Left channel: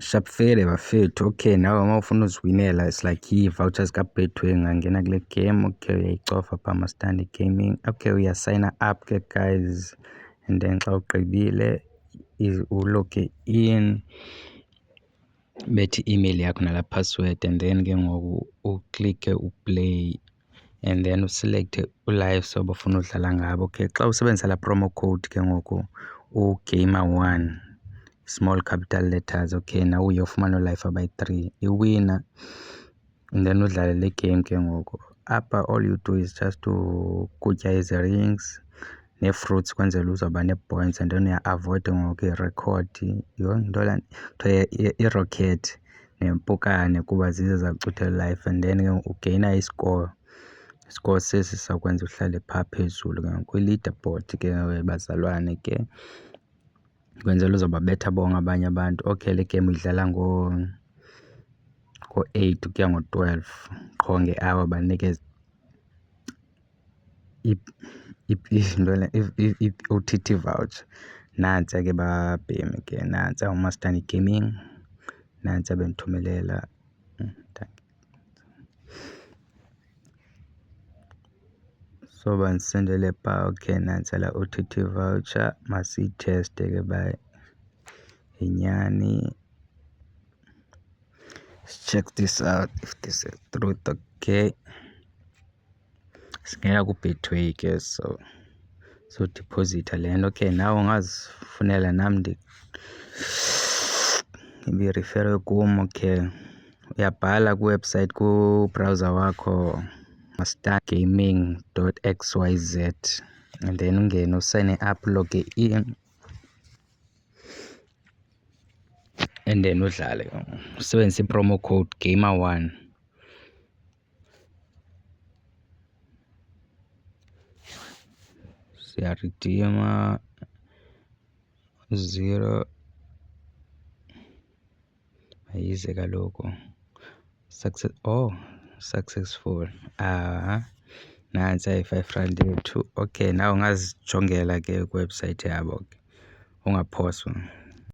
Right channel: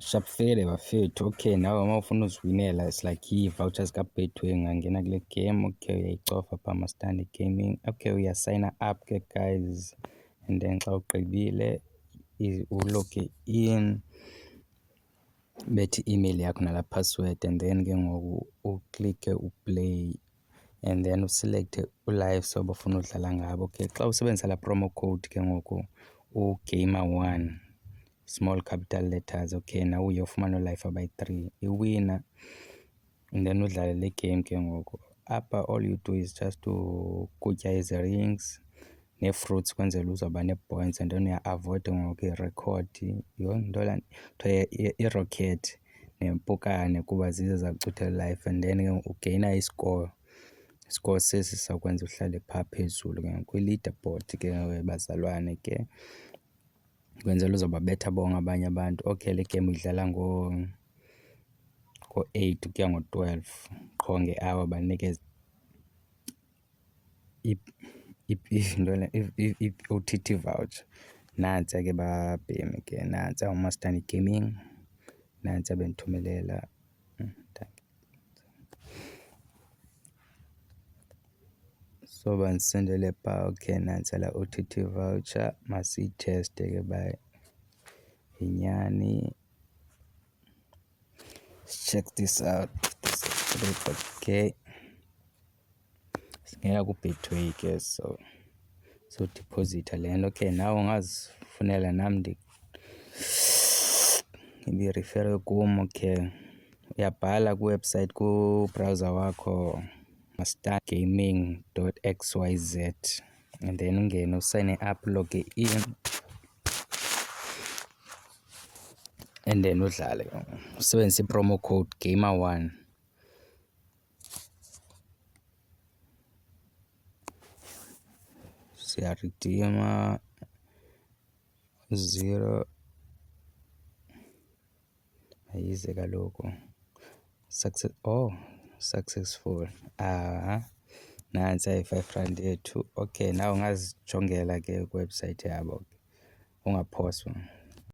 Shapfele bafethu. Okay, nawe uma ufuna uziwinela, it's like i-vouchers ka-Betway, ungangena kule game. Okay, uyayicofa phaa ma-Standard Gaming. Okay, uyasayina up ke guys, and then xa ugqibile uloge in, bethi email yakho nala password, and then ke ngoku uklikhe uplay, and then uselect ulive soba ufuna udlala ngabo. Okay, xa usebenzisa la promo code ke ngoku ugamer1 small capital letters. Okay, now uyofumana ulive abayi-3 iwina, and then udlale le game ke ngoku. Apha all you do is just to kutya ezi-rings nee-fruits kwenzela uzawuba nee-points, and then uya-avoid ngoku i-record ntola kuthiwa i-rocket nempukane kuba zizo zakucuthela life, and then ugeyina iscore. Iscore sesi sakwenza uhlale phaa phezulu ke ngoku kwi-leaderboard ke bazalwane ke kwenzela uzawubabetha bonke abanye abantu. Okay, le game idlala ngo-8 ukuya ngo-12 qho nge-hour. Banikeza i-OTT voucher. Nantsi ke babhemi ke, nantsi uMaStandi Gaming, nantsi bendithumelela. So bandisendele phaa. Okay, nantsi la OTT voucher, masiyitheste ke ba inyani. Let's check this out if this is truth. Okay, singena ku-Betway ke, so deposit le nto. Okay, nawe ungazifunela nam ibirifere kum. Okay, uyabhala kwiwebsite ku-browser wakho mastandgaming.xyz, and then ungene usayine up, log in, and then udlale usebenzisa i-promo code gamer1. Siyaridima 0 ayize kaloku successful. Nantsi ayi-R5 yethu. Okay, nawe ungazijongela ke kwiwebsite yabo, ungaphoswa.